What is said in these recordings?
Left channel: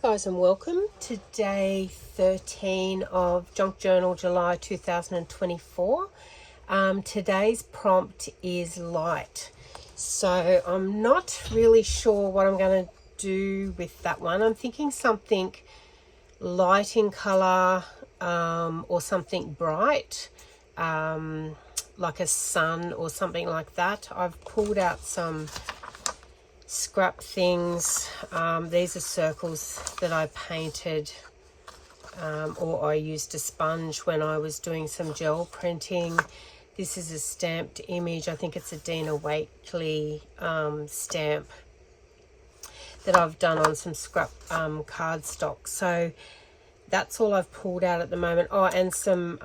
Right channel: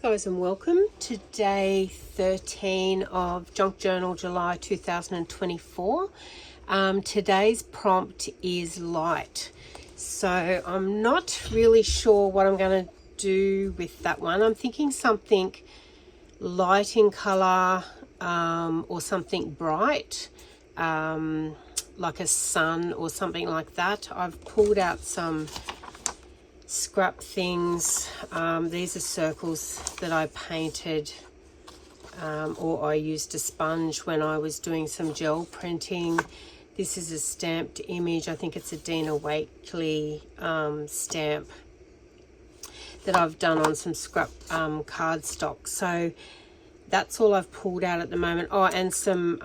Hi guys and welcome to day 13 of Junk Journal July 2024. Today's prompt is light. So I'm not really sure what I'm going to do with that one. I'm thinking something light in colour or something bright, like a sun or something like that. I've pulled out some scrap things. These are circles that I painted or I used a sponge when I was doing some gel printing. This is a stamped image. I think it's a Dina Wakley stamp that I've done on some scrap cardstock. So that's all I've pulled out at the moment. Oh, and some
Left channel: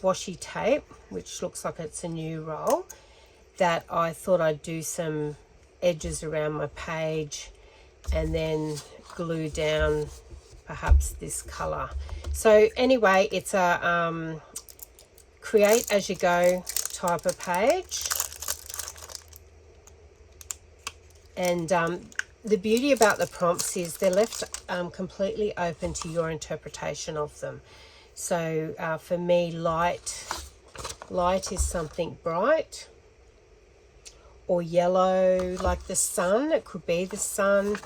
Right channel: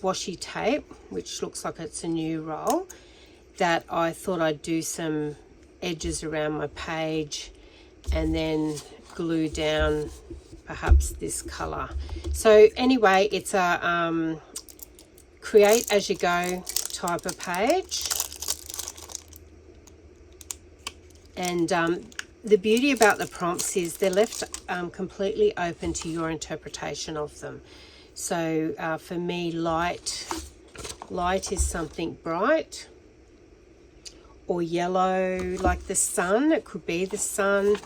washi tape, which looks like it's a new roll, that I thought I'd do some edges around my page and then glue down perhaps this color. So anyway, it's a create as you go type of page, and the beauty about the prompts is they're left completely open to your interpretation of them. So for me, light is something bright, or yellow like the sun. It could be the sun.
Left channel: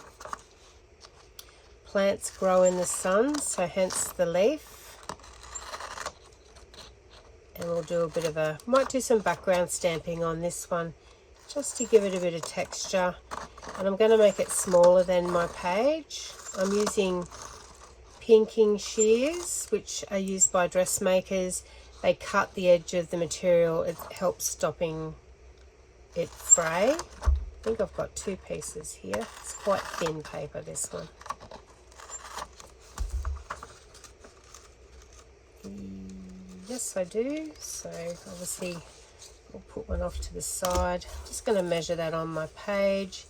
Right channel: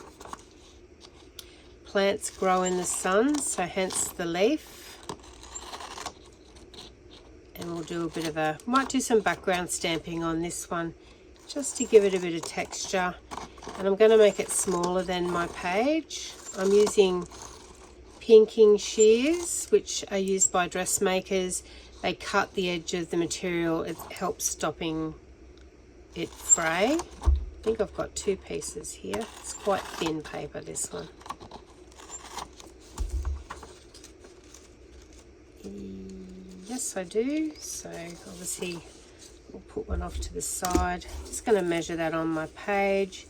Plants grow in the sun, so hence the leaf. And we'll do a bit of might do some background stamping on this one just to give it a bit of texture. And I'm going to make it smaller than my page. I'm using pinking shears, which are used by dressmakers. They cut the edge of the material. It helps stopping it fray. I think I've got two pieces here. It's quite thin paper, this one. Yes, I do. So obviously we'll put one off to the side. Just going to measure that on my page.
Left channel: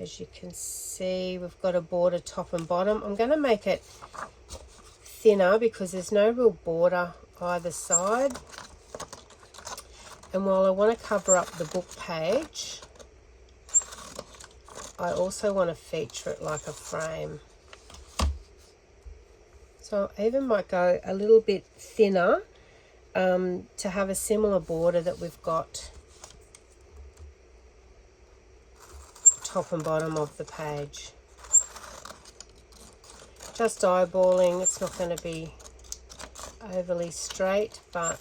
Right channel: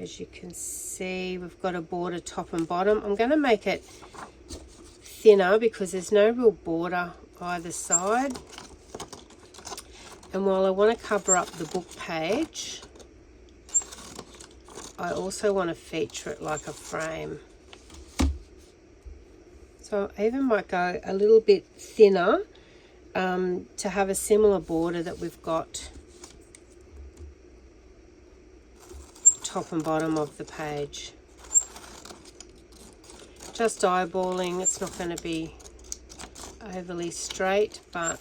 As you can see, we've got a border top and bottom. I'm going to make it thinner because there's no real border either side. And while I want to cover up the book page, I also want to feature it like a frame. So I even might go a little bit thinner to have a similar border that we've got top and bottom of the page. Just eyeballing, it's not going to be overly straight, but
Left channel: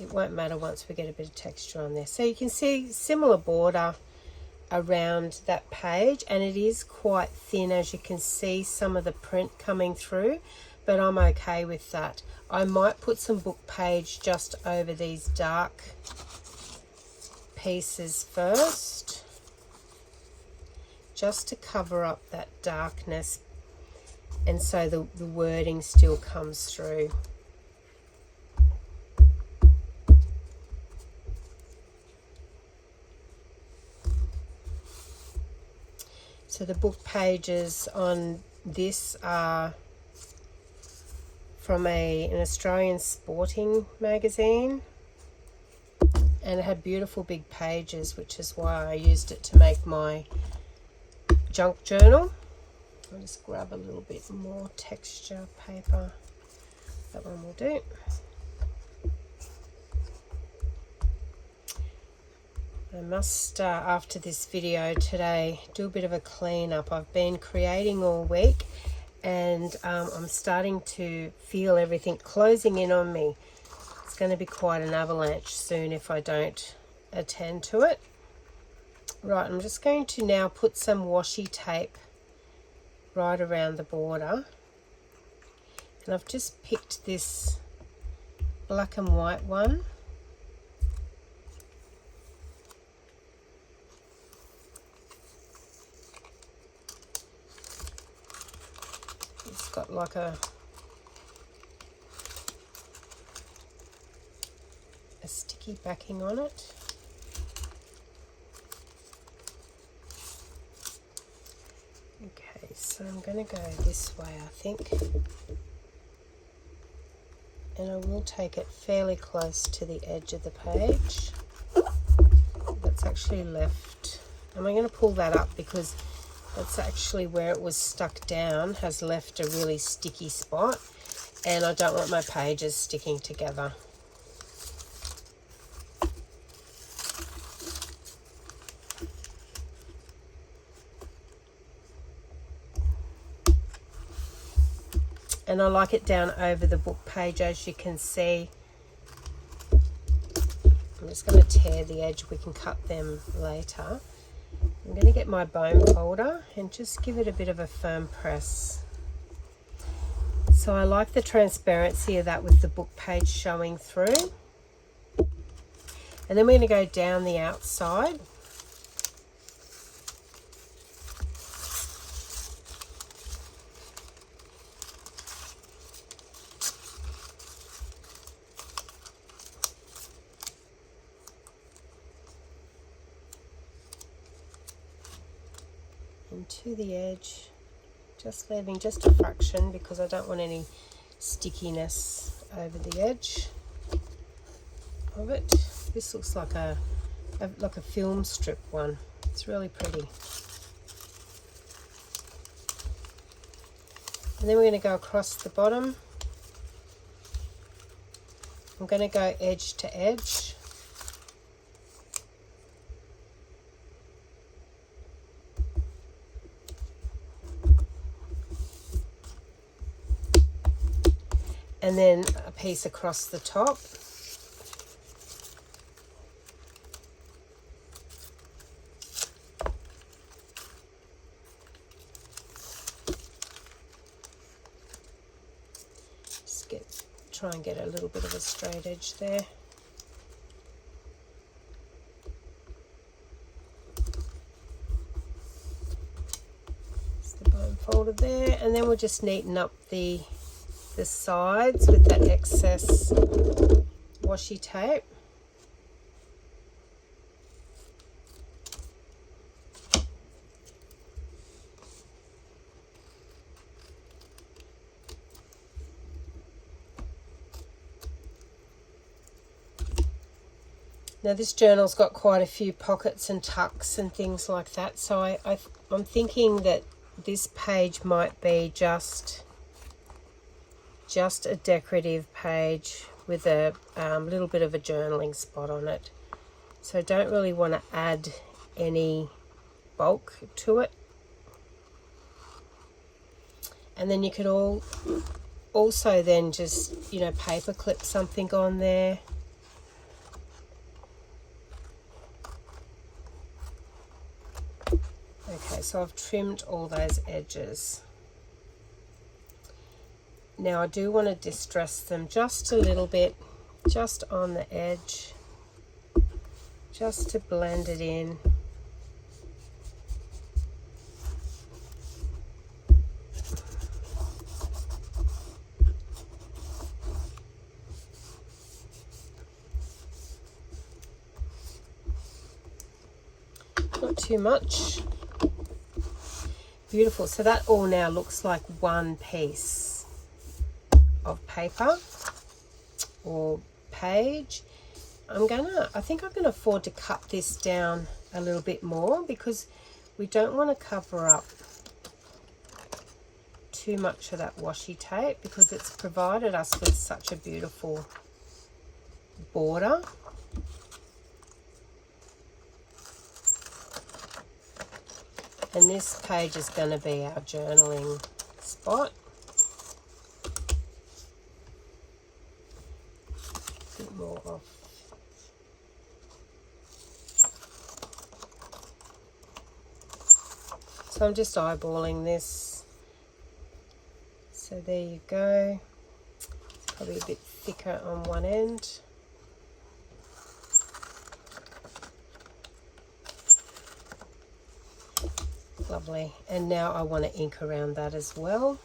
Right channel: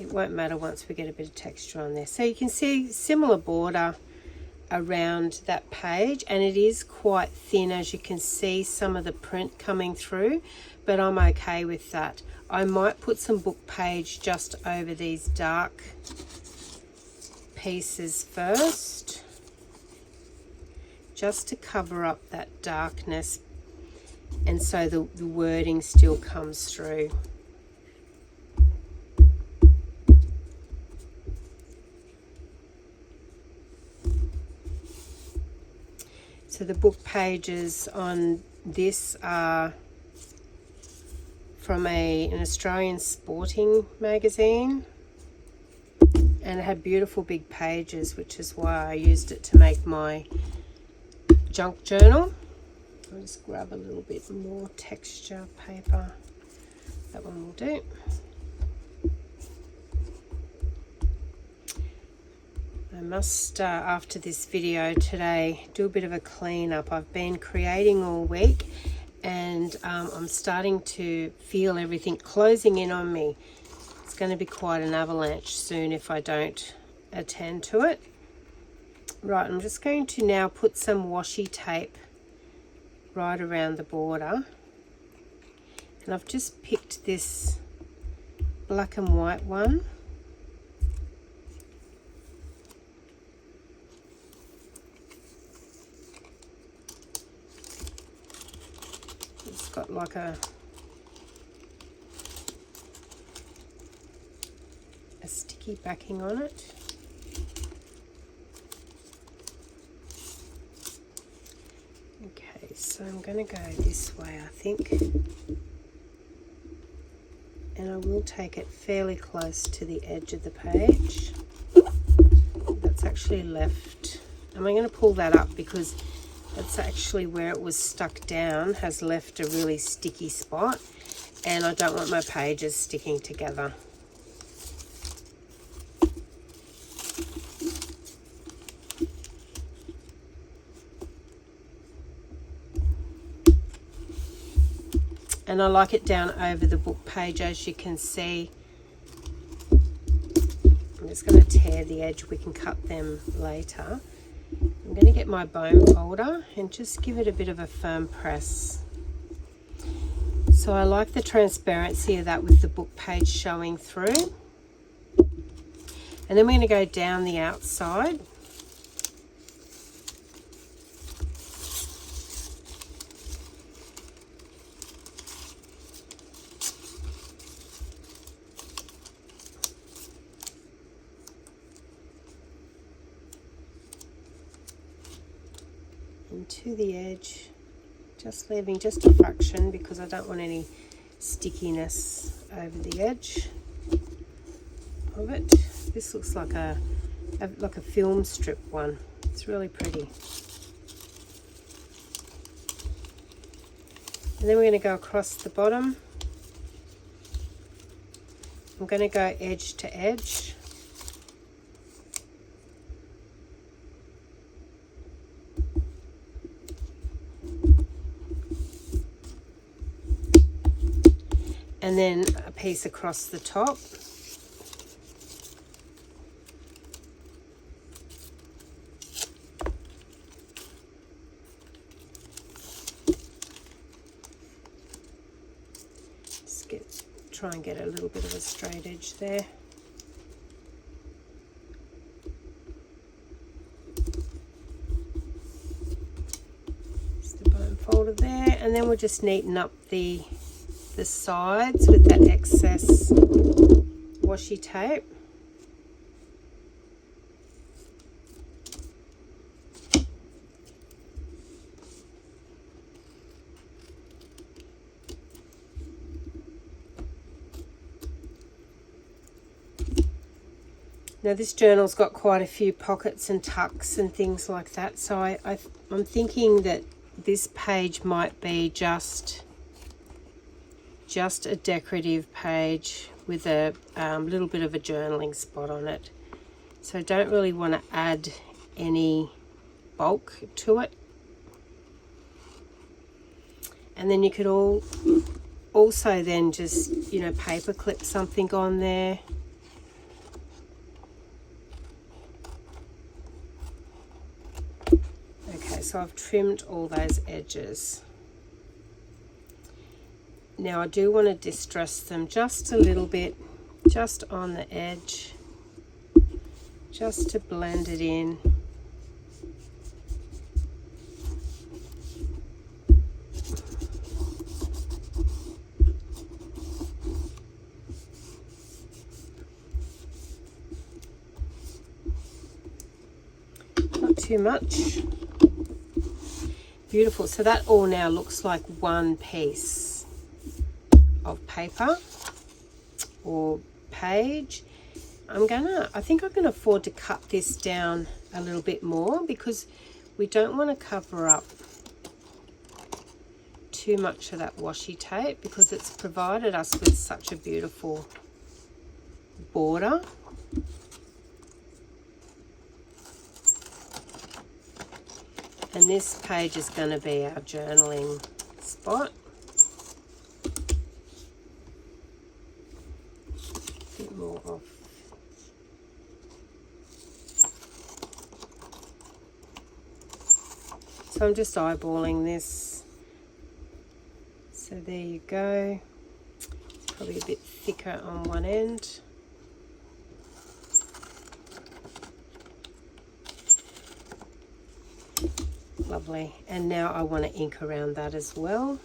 it won't matter once we get a bit of texture on there. So you can see similar border around that page, and it is quite thin, as you can see some of the print coming through, but I'm okay with that. I might put some book page just over these dark pieces first, just to cover up that darkness, and so the wording still comes through. So the book pages on this are from an Australian sporting magazine, and it had beautiful big pages, which is why I used it to make my junk journal. I'll just grab a little bit more texture paper. That one will do. I must, after this video today, do a bit of a clean up. I've been creating all week, and I'm starting to feel everything closing in on me. It's going to be quite an avalanche soon if I don't attend to it. Right, I'm just going to now put some washi tape right around the border. And I've just picked this black and white one. Got like a sticky backing on it. Okay, so I'm going to go this way, I think, and I will take it fairly close to the edge of the page. That's actually left, and I'm going to pull that up because That's actually where it was stuck down, has left a really sticky spot, and I don't want my pages sticking together. And I like it down over the book page, as you can see. I'm just going to tear the edge, we can cut them later. I'm going to get my bone folder and just give it a bit of a firm press. So I like the transparency of that with the book page showing through. And then we're going to go down the outside. To the edge, just leaving just a fraction because I don't want any stickiness over the edge of it. This looks like a film strip one. It's really pretty. And then we're going to go across the bottom. I'm going to go edge to edge. And then a piece across the top. Just try and get a little bit of a straight edge there. Just the bone folder there, and then we'll just neaten up the sides with that excess washi tape. Now this journal's got quite a few pockets and tucks and things like that, so I'm thinking that this page might be just a decorative page with a little bit of a journaling spot on it. So I don't really want to add any bulk to it. And then you could also then just, you know, paper clip something on there. Okay, so I've trimmed all those edges. Now I do want to distress them just a little bit, just on the edge, just to blend it in. Not too much. Beautiful. So that all now looks like one piece of paper or page. I think I'm gonna afford to cut this down a little bit more because we don't want to cover up too much of that washi tape because it's provided us with such a beautiful border. And this page is going to be our journaling spot. A bit more off. So I'm just eyeballing this. So there you go. Probably a bit thicker on one end. Lovely. And now I want to ink around that as well.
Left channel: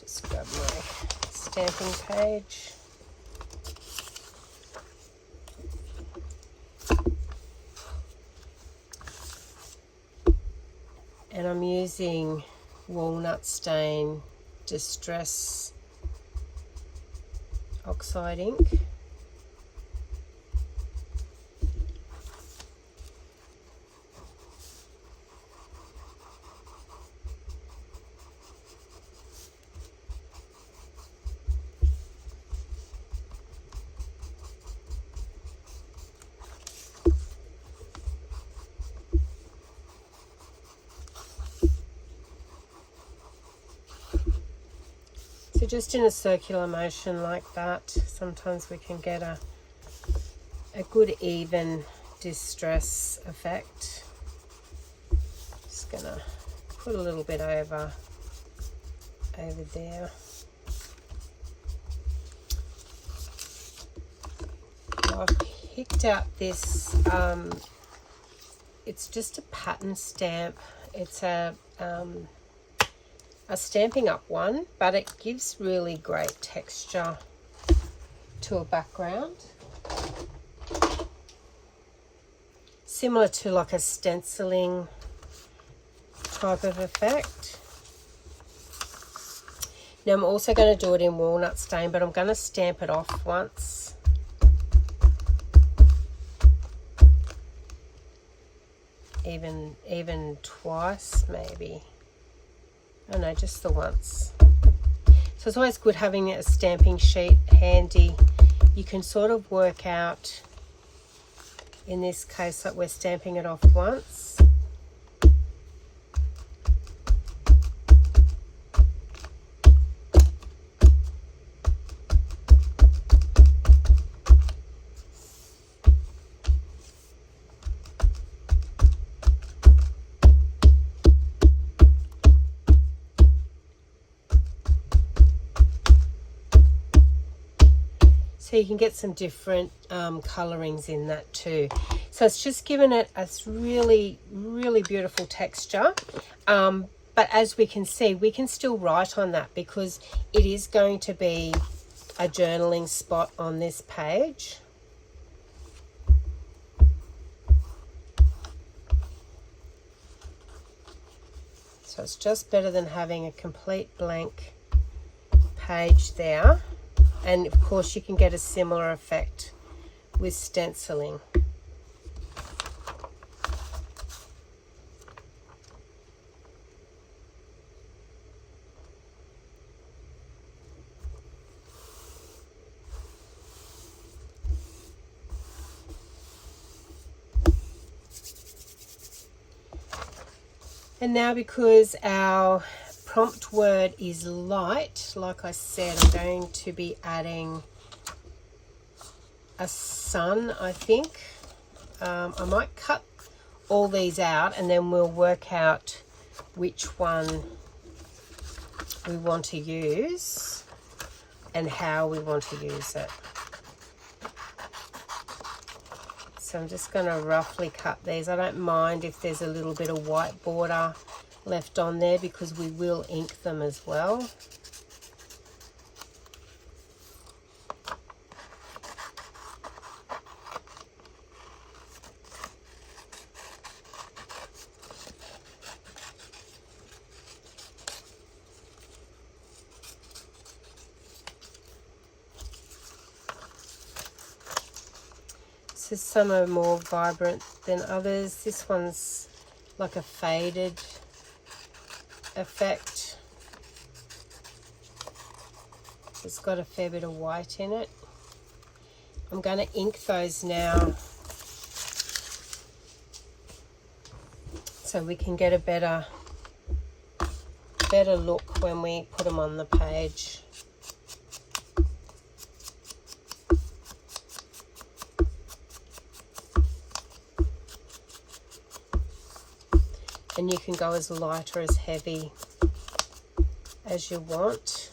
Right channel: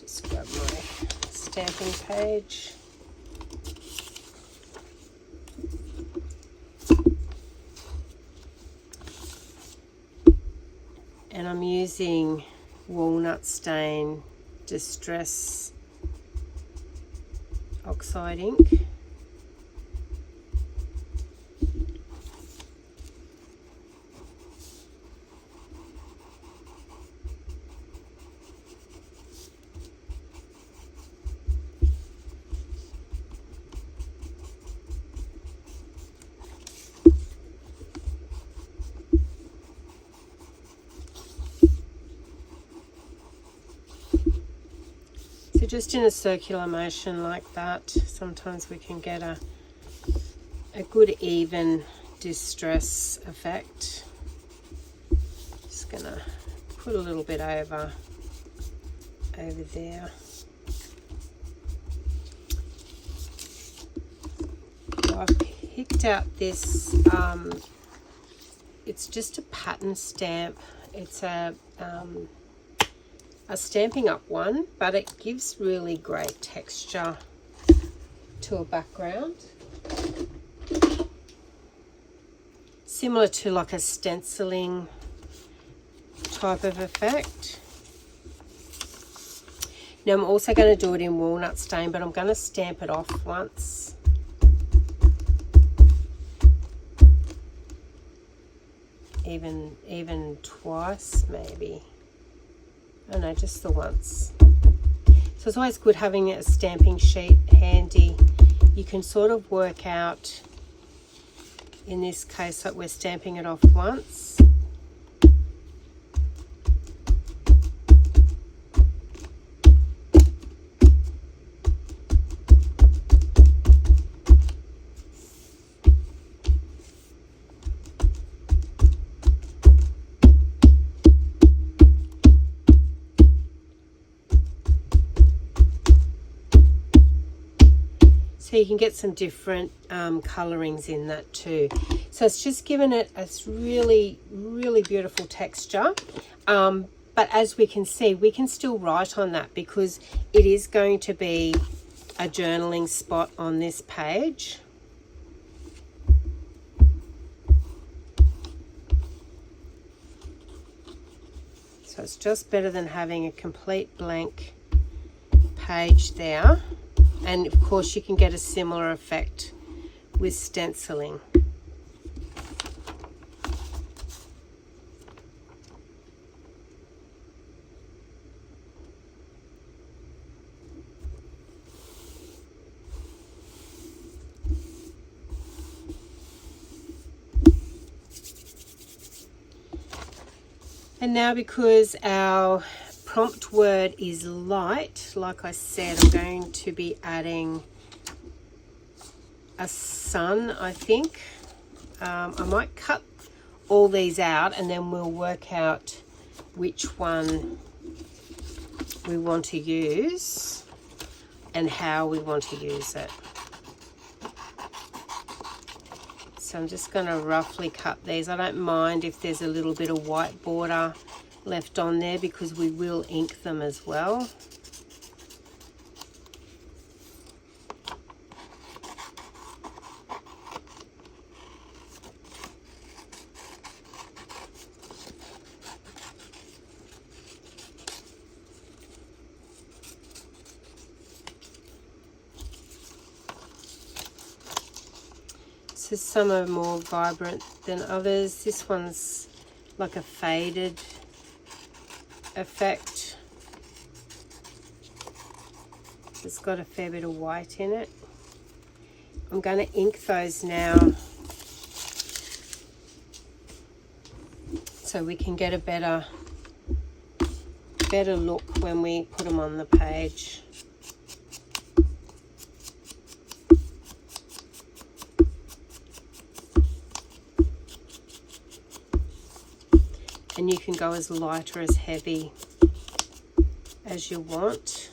Just grab my stamping page. And I'm using Walnut Stain Distress Oxide ink. just in a circular motion like that, sometimes we can get a good even distress effect. Just gonna put a little bit over there. I've picked out this, it's just a pattern stamp. It's a Stampin' Up one, but it gives really great texture to a background. Similar to like a stenciling type of effect. Now I'm also going to do it in walnut stain, but I'm going to stamp it off once. Even twice maybe. Oh no, just the once. So it's always good having a stamping sheet handy. You can sort of work out, in this case, that we're stamping it off once. So you can get some different colorings in that too. So it's just given it a really, really beautiful texture. But as we can see, we can still write on that because it is going to be a journaling spot on this page. So it's just better than having a complete blank page there. And of course you can get a similar effect with stenciling. And now, because our prompt word is light, like I said, I'm going to be adding a sun, I think. I might cut all these out and then we'll work out which one we want to use and how we want to use it. So I'm just going to roughly cut these. I don't mind if there's a little bit of white border left on there because we will ink them as well. So some are more vibrant than others. This one's like a faded effect. It's got a fair bit of white in it. I'm going to ink those now so we can get a better look when we put them on the page. And you can go as light or as heavy as you want.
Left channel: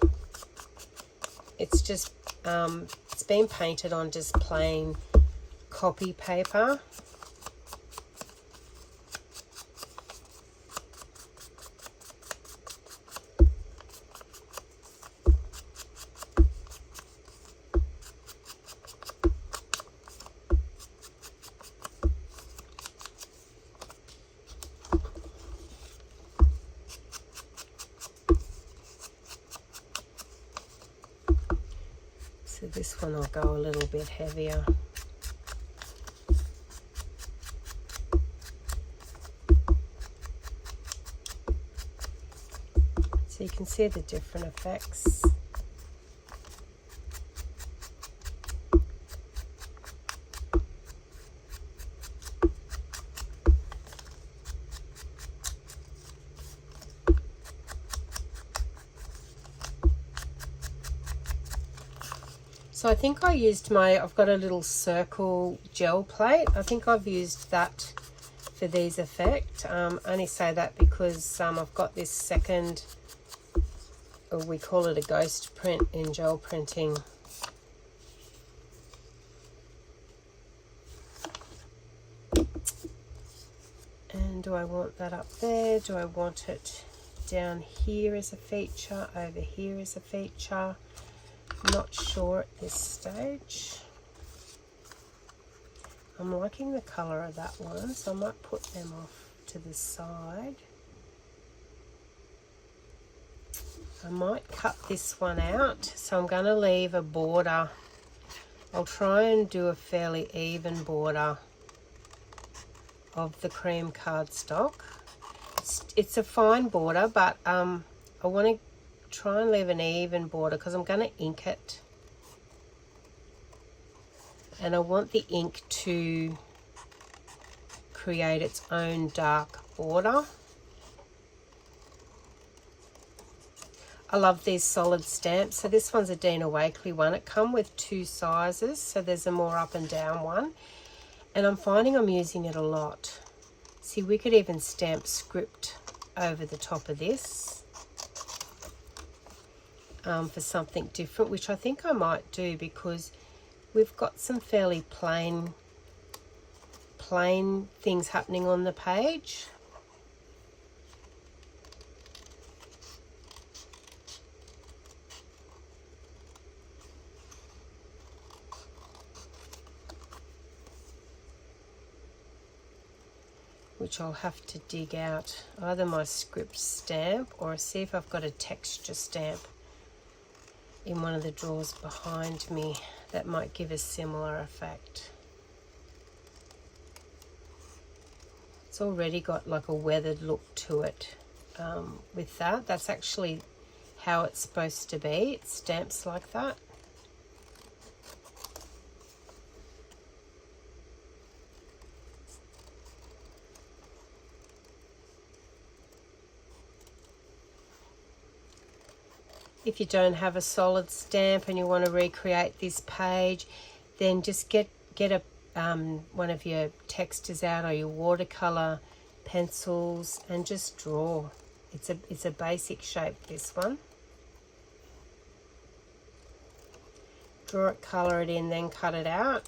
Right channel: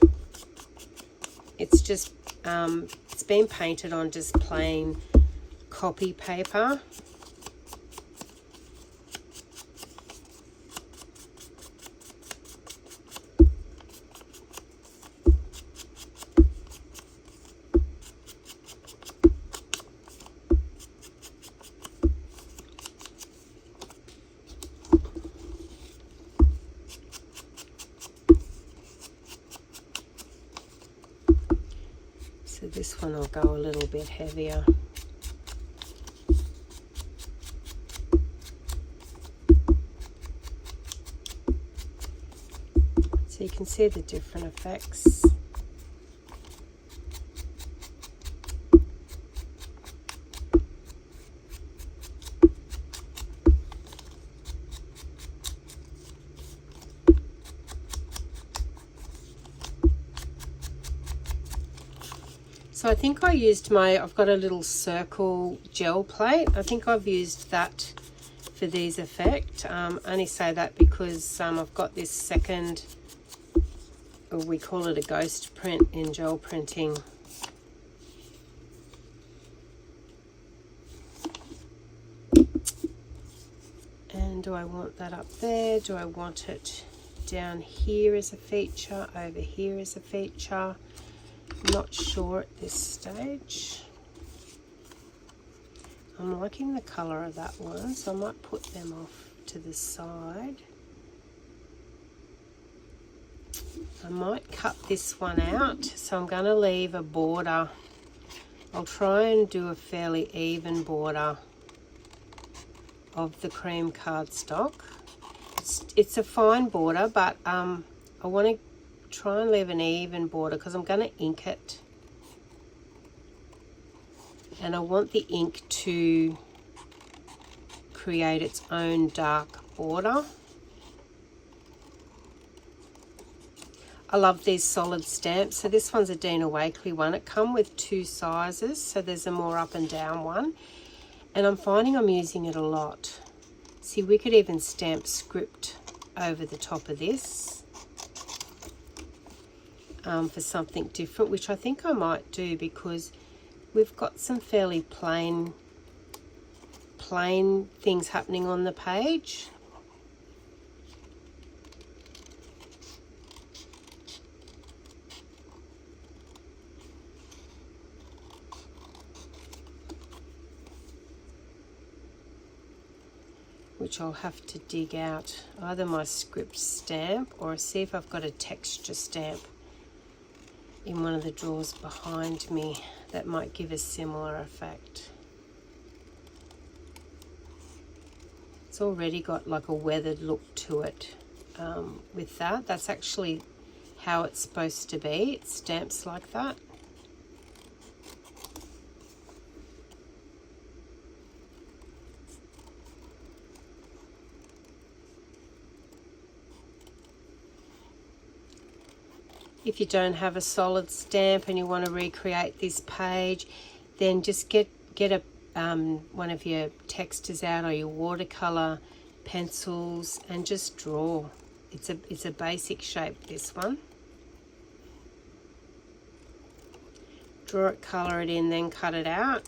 It's just, it's been painted on just plain copy paper. So this one will go a little bit heavier. So you can see the different effects. So I think I used I've got a little circle gel plate. I think I've used that for these effects. Only say that because I've got this second, or we call it a ghost print in gel printing. And do I want that up there? Do I want it down here as a feature, over here as a feature? Not sure at this stage. I'm liking the colour of that one, so I might put them off to the side. I might cut this one out, so I'm going to leave a border. I'll try and do a fairly even border of the cream cardstock. It's a fine border, but I want to try and leave an even border because I'm going to ink it. And I want the ink to create its own dark border. I love these solid stamps. So this one's a Dina Wakley one. It comes with two sizes, so there's a more up and down one. And I'm finding I'm using it a lot. See, we could even stamp script over the top of this for something different, which I think I might do because we've got some fairly plain things happening on the page. Which I'll have to dig out either my script stamp or see if I've got a texture stamp in one of the drawers behind me that might give a similar effect. It's already got like a weathered look to it with that. That's actually how it's supposed to be. It stamps like that. If you don't have a solid stamp and you want to recreate this page, then just get a one of your textures out or your watercolor pencils and just draw. It's a basic shape, this one. Draw it, color it in, then cut it out.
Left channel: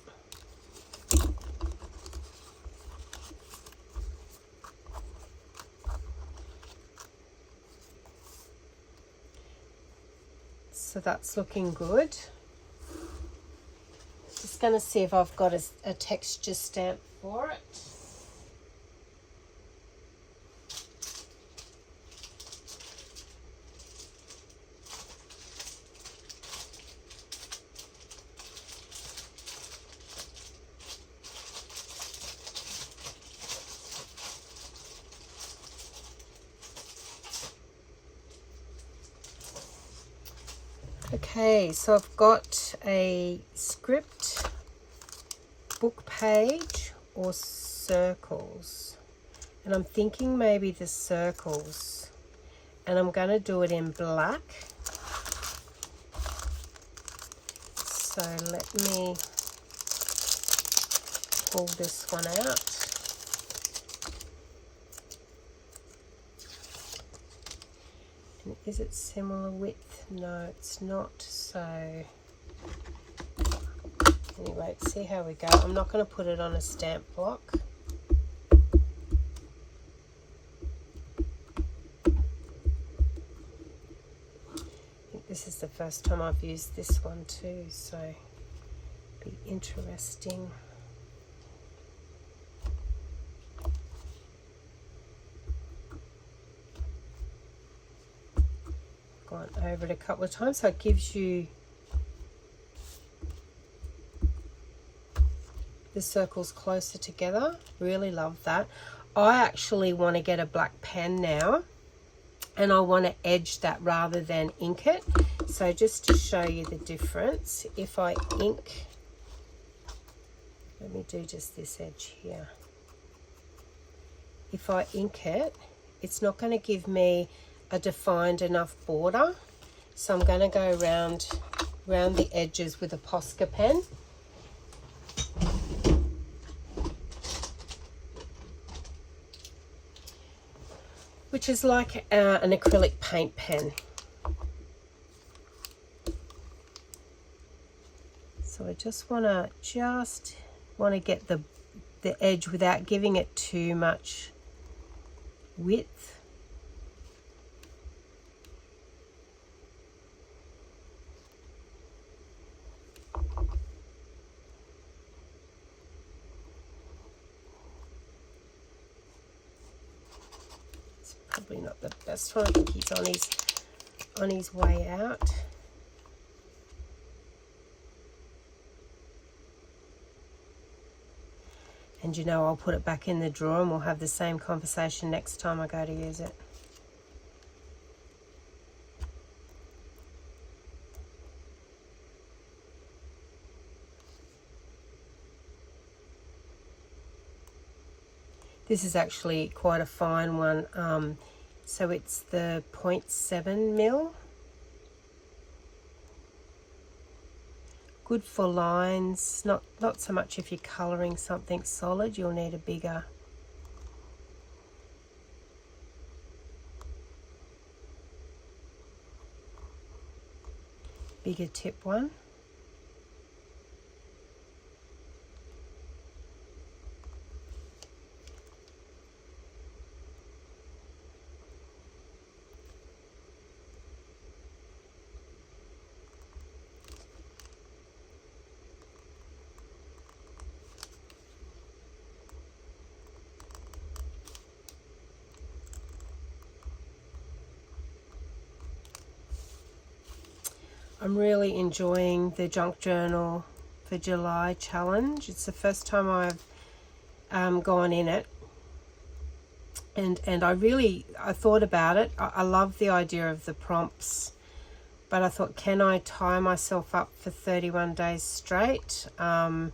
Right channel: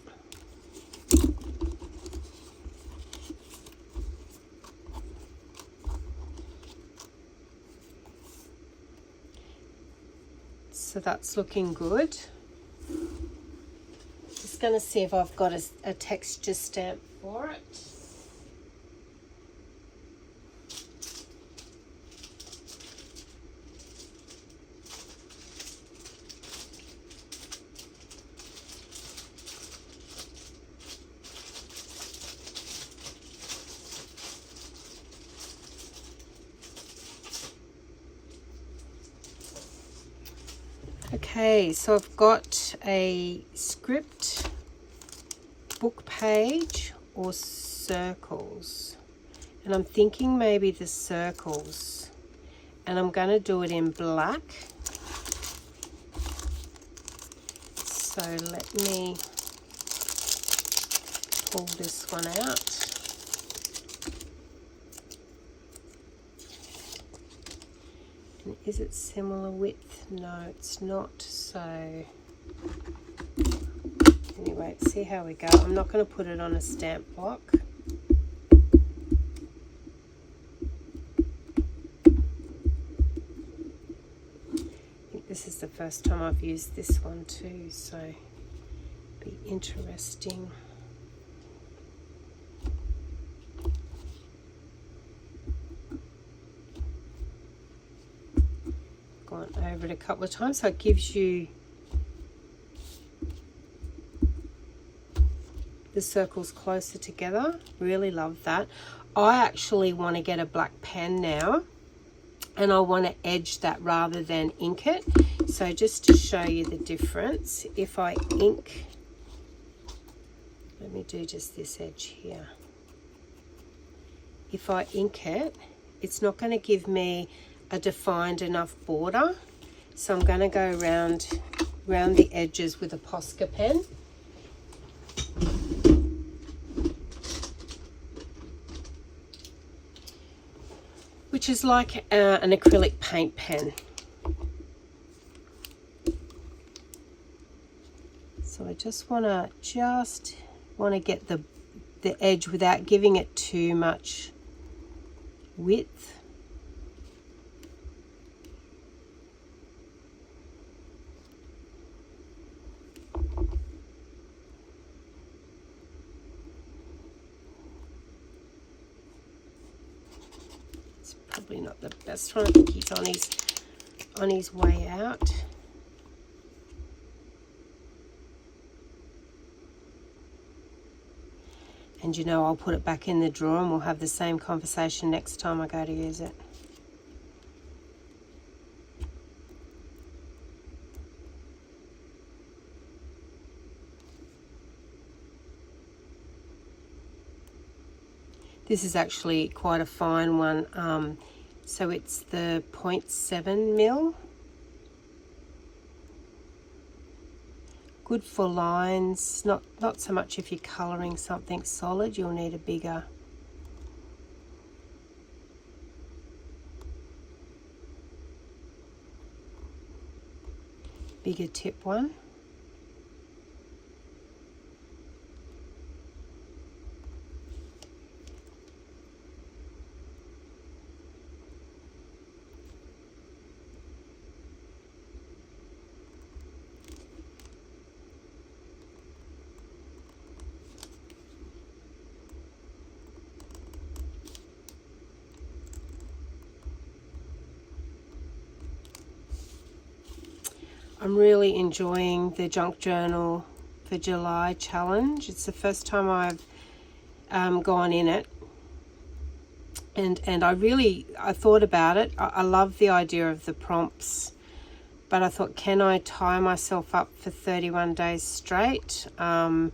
So that's looking good. Just going to see if I've got a texture stamp for it. Okay, so I've got a script, book page, or circles. And I'm thinking maybe the circles. And I'm going to do it in black. So let me pull this one out. And is it similar width? No, it's not. So anyway, let's see how we go. I'm not going to put it on a stamp block. I think this is the first time I've used this one too, so it'll be interesting. Gone over it a couple of times, so it gives you the circles closer together. Really love that. I actually want to get a black pen now, and I want to edge that rather than ink it. So just to show you the difference, if I ink, let me do just this edge here. If I ink it, it's not going to give me a defined enough border. So I'm going to go around the edges with a Posca pen. Which is like an acrylic paint pen. So I just want to get the edge without giving it too much width. It's probably not the best one. I think he's on his way out. And you know, I'll put it back in the drawer and we'll have the same conversation next time I go to use it. This is actually quite a fine one. So it's the 0.7 mil. Good for lines, not so much if you're colouring something solid, you'll need a bigger tip one. I'm really enjoying the Junk Journal for July challenge. It's the first time I've gone in it, and I thought about it. I love the idea of the prompts, but I thought, can I tie myself up for 31 days straight? And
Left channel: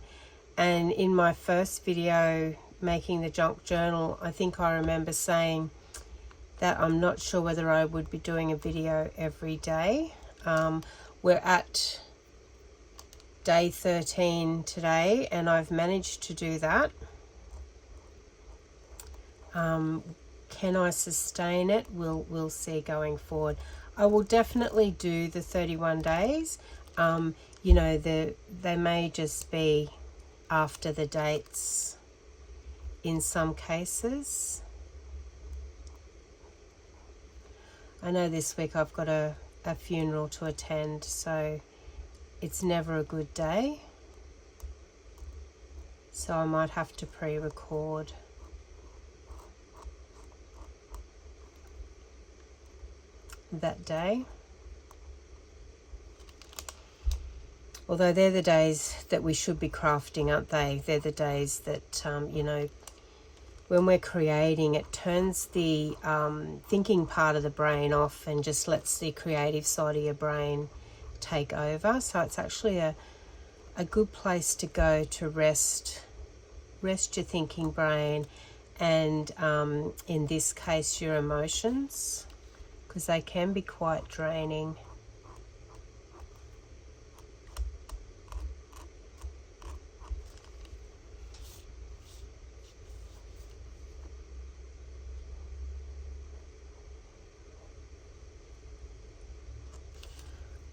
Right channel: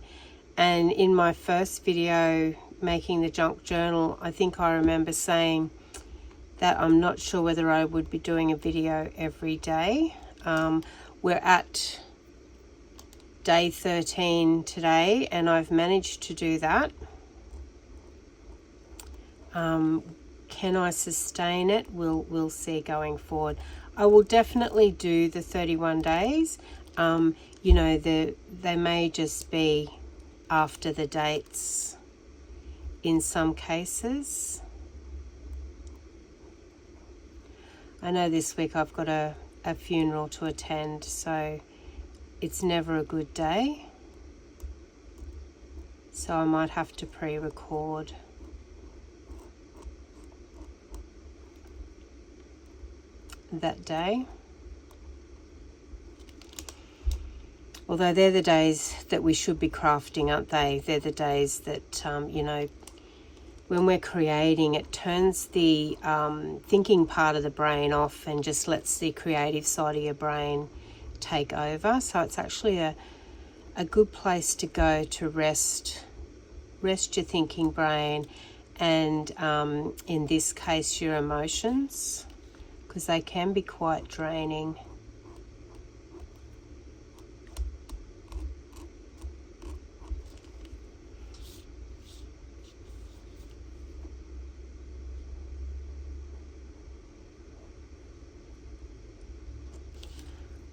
in my first video making the Junk Journal, I think I remember saying that I'm not sure whether I would be doing a video every day. We're at day 13 today, and I've managed to do that. Can I sustain it? We'll see going forward. I will definitely do the 31 days. You know, they may just be after the dates in some cases. I know this week I've got a funeral to attend, so it's never a good day. So I might have to pre-record. That day. Although they're the days that we should be crafting, aren't they? They're the days that, you know, when we're creating, it turns the thinking part of the brain off and just lets the creative side of your brain take over. So it's actually a good place to go to rest your thinking brain, and in this case your emotions, because they can be quite draining.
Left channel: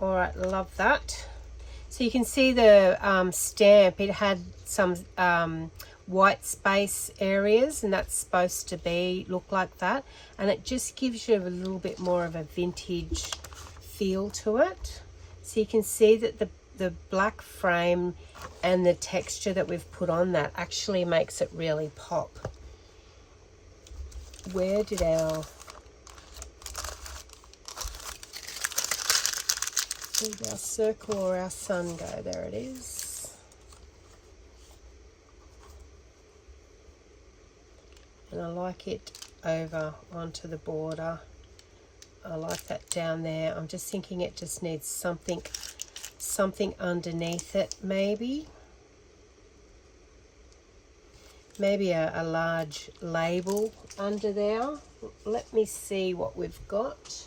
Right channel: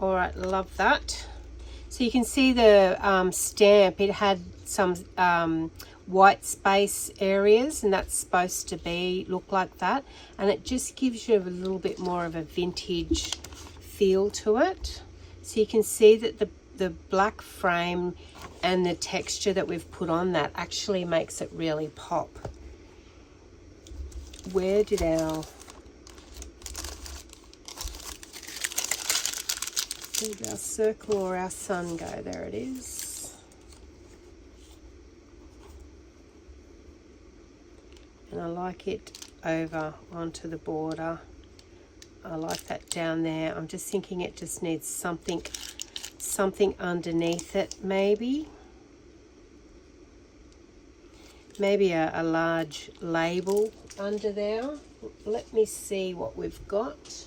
All right, love that. So you can see the stamp, it had some white space areas, and that's supposed to look like that, and it just gives you a little bit more of a vintage feel to it. So you can see that the black frame and the texture that we've put on that actually makes it really pop. Where did our circle or our sun go? There it is. And I like it over onto the border. I like that down there. I'm just thinking it just needs something underneath it, maybe a large label under there. Let me see what we've got.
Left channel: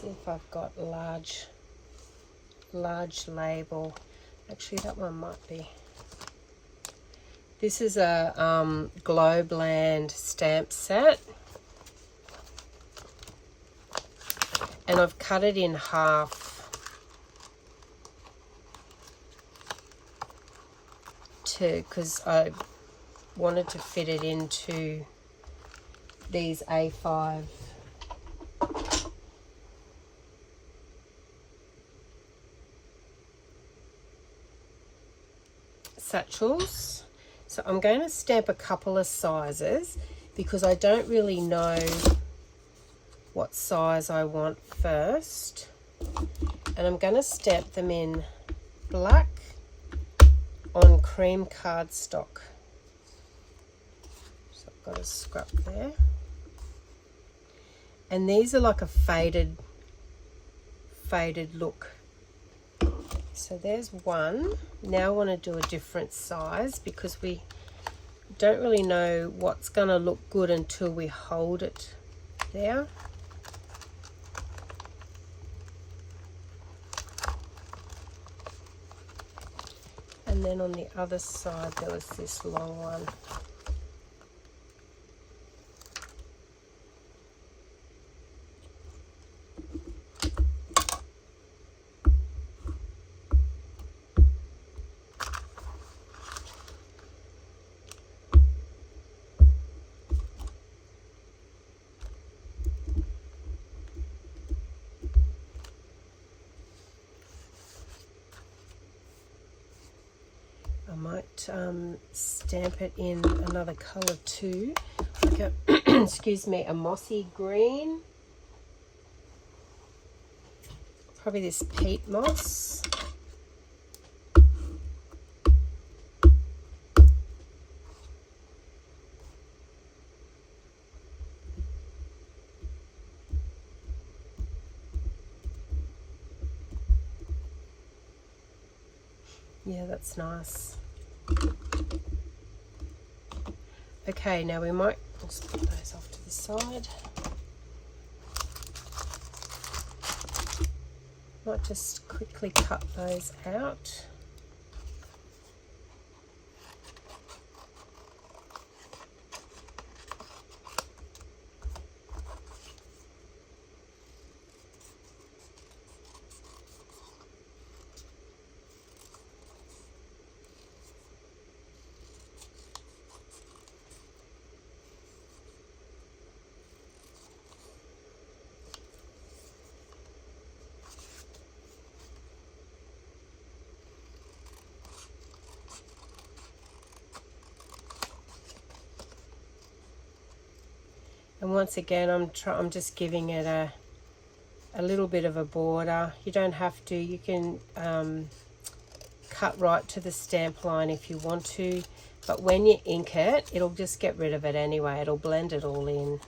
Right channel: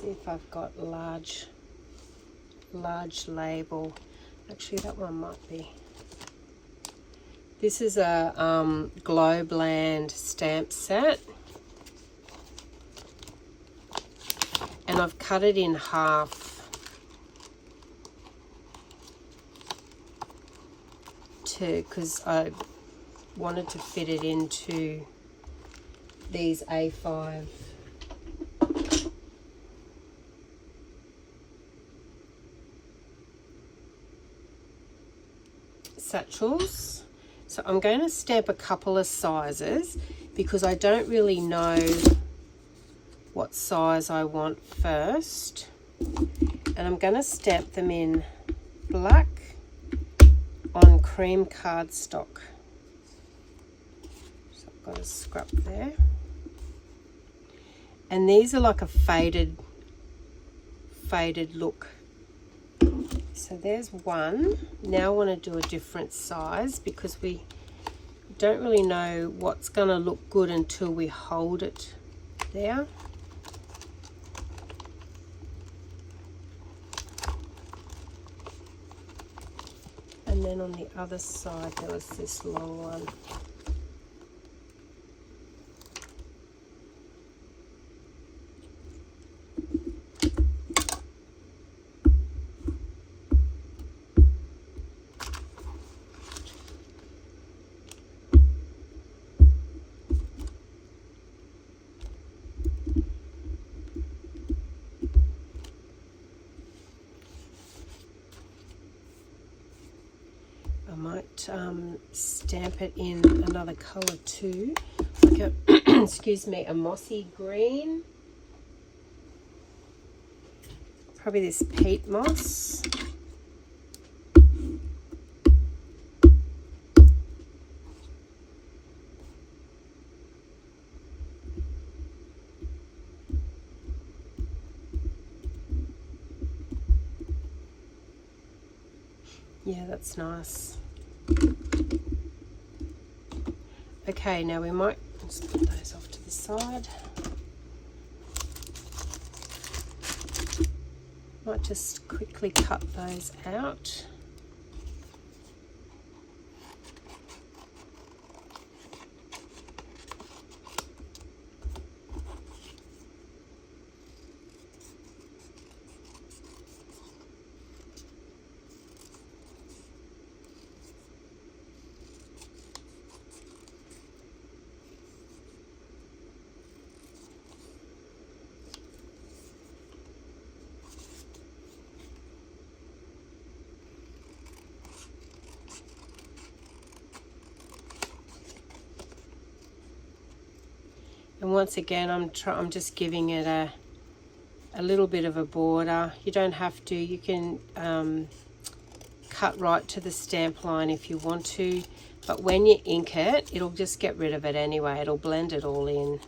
see if I've got large label. Actually, that one might be. This is a Globland stamp set, and I've cut it in half because I wanted to fit it into these A5 satchels. So I'm going to stamp a couple of sizes because I don't really know what size I want first. And I'm going to stamp them in black on cream cardstock. So I've got a scrap there. And these are like a faded look. So there's one. Now I want to do a different size because we don't really know what's going to look good until we hold it there. And then on the other side there was this long one. I might stamp it in another colour too, like a excuse me, a mossy green, probably this peat moss. Yeah, that's nice. Okay, now we might just put those off to the side. Might just quickly cut those out. And once again, I'm just giving it a little bit of a border. You don't have to. You can cut right to the stamp line if you want to. But when you ink it, it'll just get rid of it anyway. It'll blend it all in.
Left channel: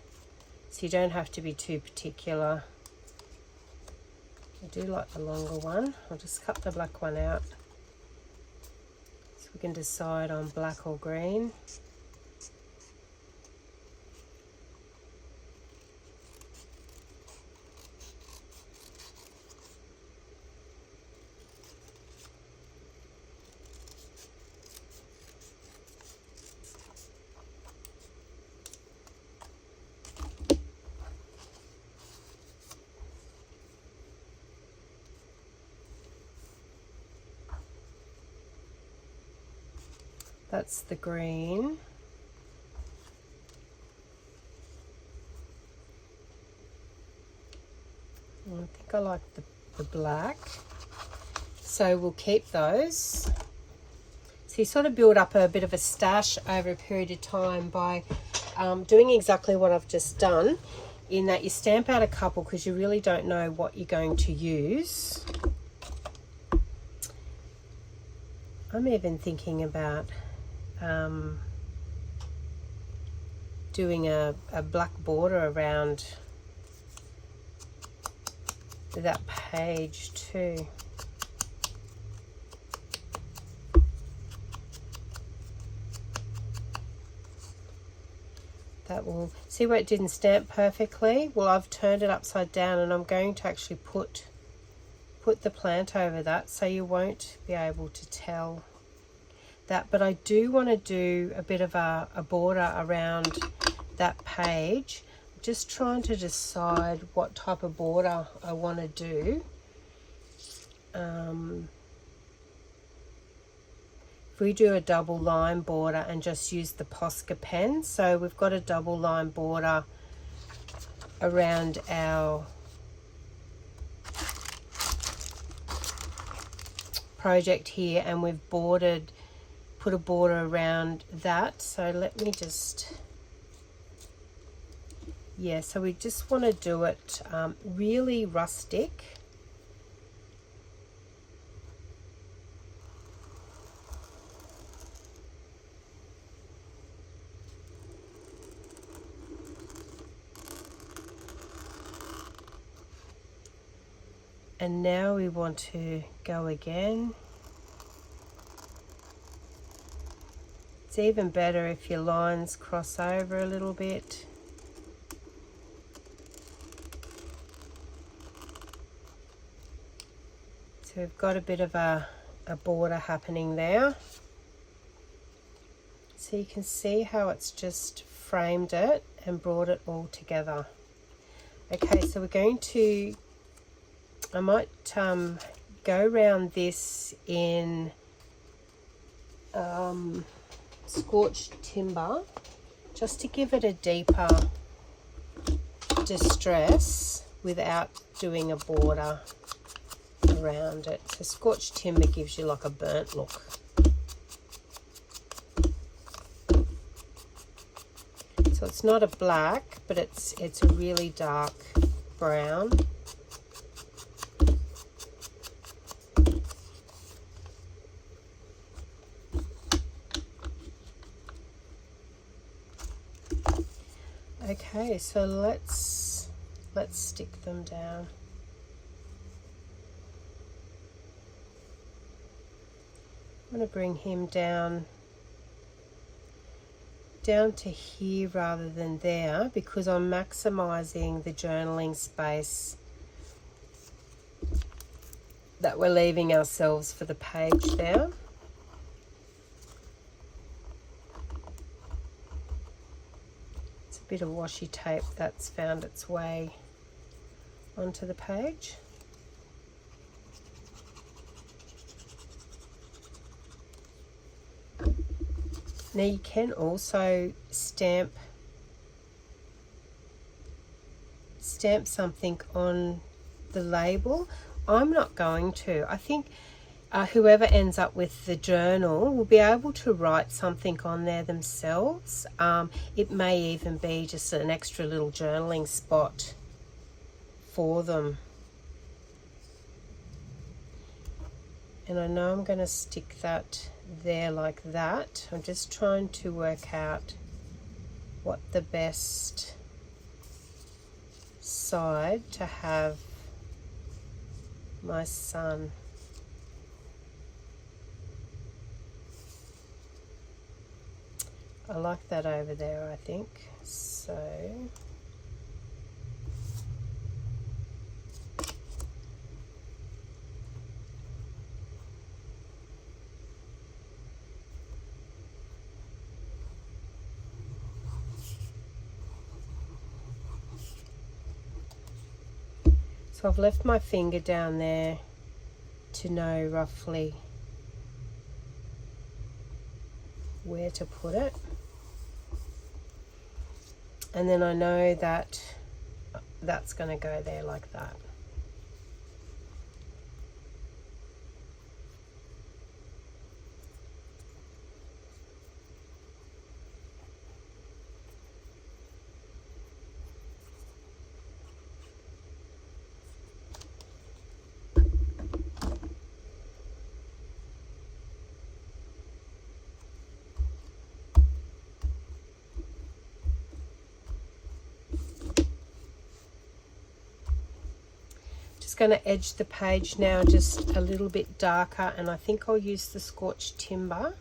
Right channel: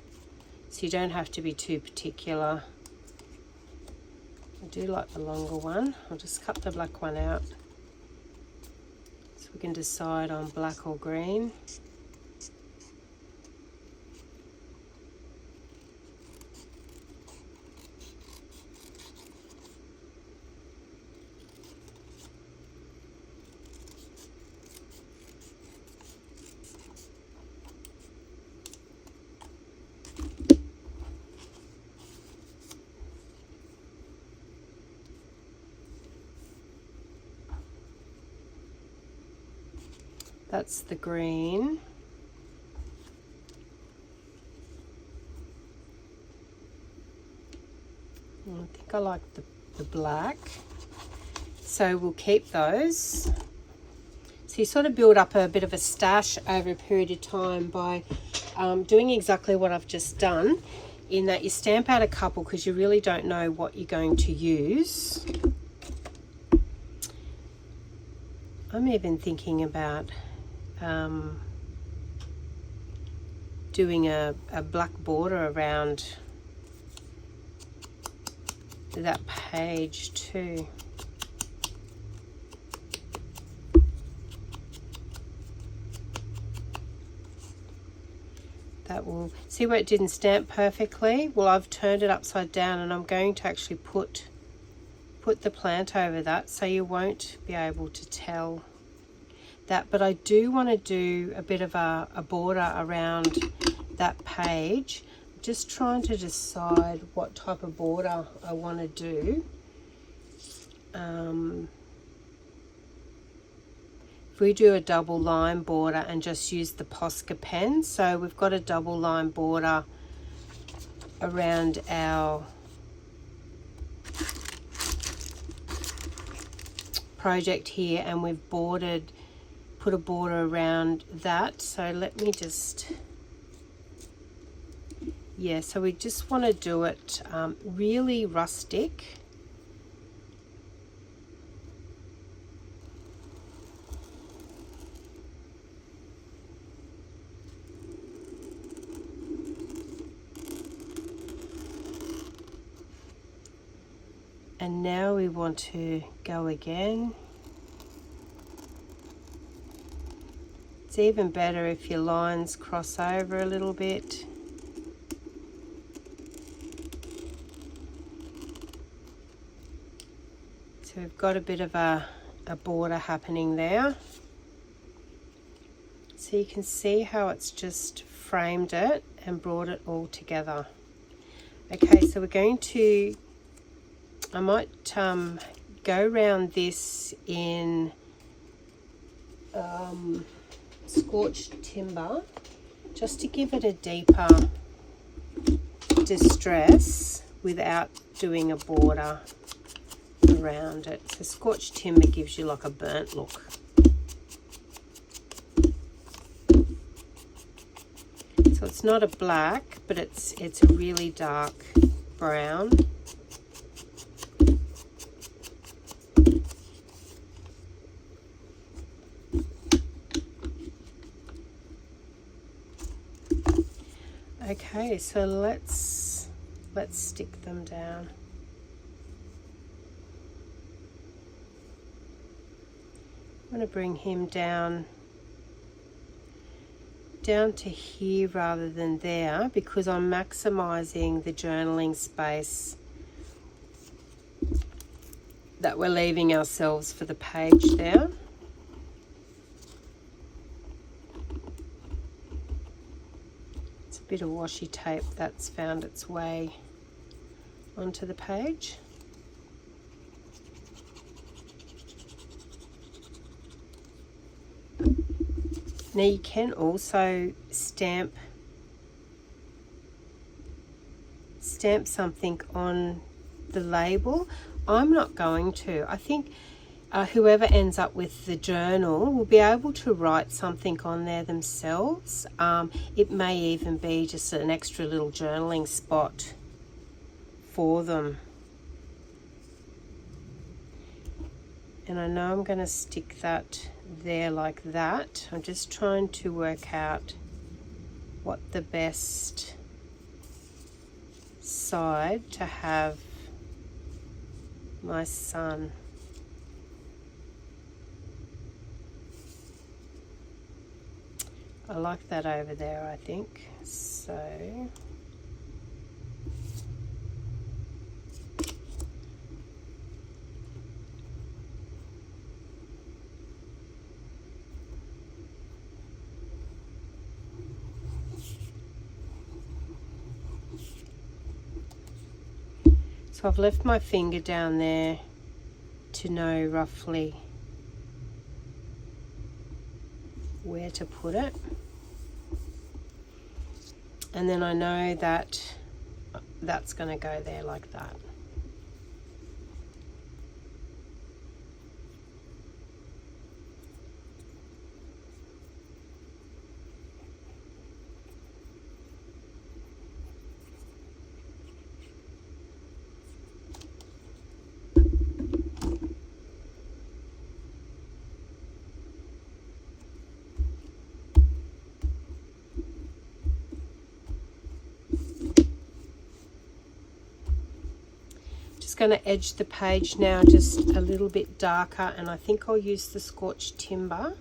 So you don't have to be too particular. I do like the longer one. I'll just cut the black one out so we can decide on black or green. That's the green. I think I like the black. So we'll keep those. So you sort of build up a bit of a stash over a period of time by doing exactly what I've just done, in that you stamp out a couple because you really don't know what you're going to use. I'm even thinking about doing a black border around that page too. That will, see where it didn't stamp perfectly? Well, I've turned it upside down, and I'm going to actually put the plant over that, so you won't be able to tell that. But I do want to do a bit of a border around that page. I'm just trying to decide what type of border I want to do. If we do a double line border and just use the Posca pen, so we've got a double line border around our project here, and we've put a border around that. So let me just, yeah, so we just want to do it really rustic. And now we want to go again. It's even better if your lines cross over a little bit. So we've got a bit of a border happening there. So you can see how it's just framed it and brought it all together. Okay, so we're going to, I might go around this in scorched timber, just to give it a deeper distress without doing a border around it. So scorched timber gives you like a burnt look. So it's not a black, but it's a really dark brown. Okay, so let's stick them down. I'm going to bring him down to here rather than there, because I'm maximizing the journaling space that we're leaving ourselves for the page there. It's a bit of washi tape that's found its way onto the page. Now you can also stamp something on the label. I'm not going to. I think whoever ends up with the journal will be able to write something on there themselves. It may even be just an extra little journaling spot for them. And I know I'm going to stick that there like that. I'm just trying to work out what the best side to have my son. I like that over there, I think. So I've left my finger down there to know roughly where to put it. And then I know that that's going to go there like that. Going to edge the page now just a little bit darker, and I think I'll use the scorched timber.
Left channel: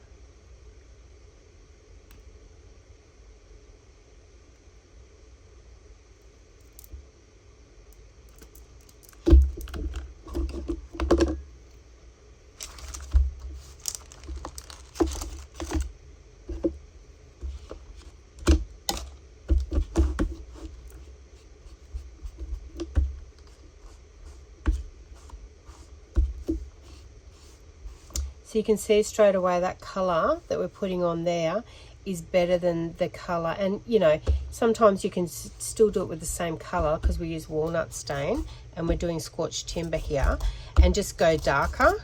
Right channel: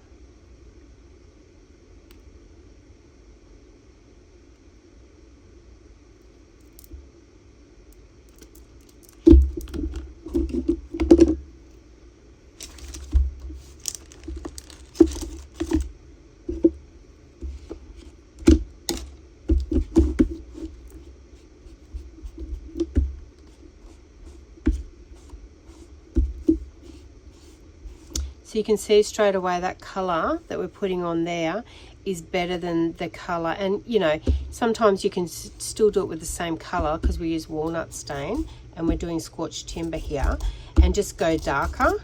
So you can see straight away that colour that we're putting on there is better than the colour. And you know, sometimes you can still do it with the same colour because we use walnut stain and we're doing scorched timber here, and just go darker.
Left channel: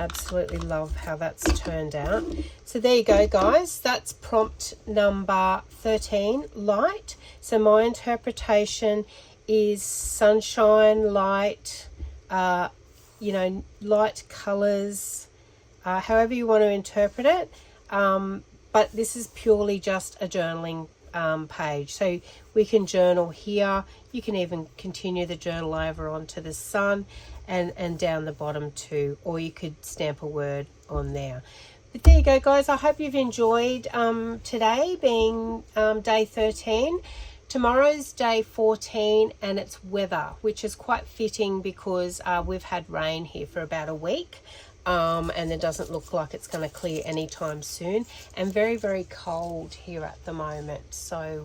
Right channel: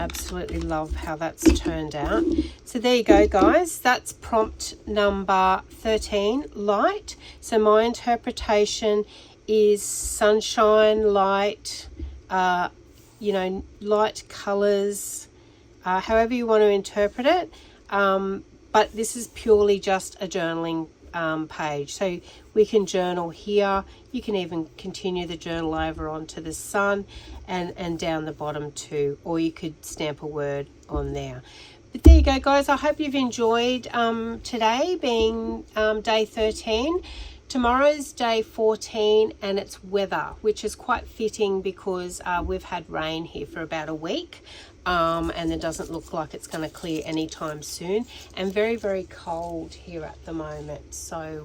Absolutely love how that's turned out. So there you go, guys. That's prompt number 13, light. So my interpretation is sunshine, light, you know, light colors, however you want to interpret it. But this is purely just a journaling page. So we can journal here. You can even continue the journal over onto the sun and down the bottom too, or you could stamp a word on there. But there you go, guys. I hope you've enjoyed today being day 13. Tomorrow's day 14 and it's weather, which is quite fitting because we've had rain here for about a week. And it doesn't look like it's going to clear anytime soon, and very, very cold here at the moment. So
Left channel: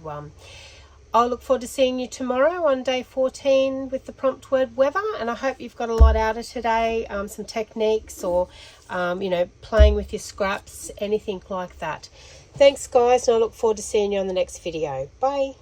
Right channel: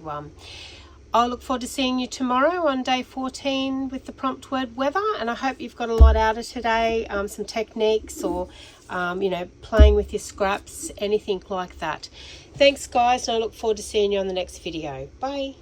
I'll look forward to seeing you tomorrow on day 14 with the prompt word weather, and I hope you've got a lot out of today, some techniques or you know, playing with your scraps, anything like that. Thanks, guys, and I look forward to seeing you on the next video. Bye.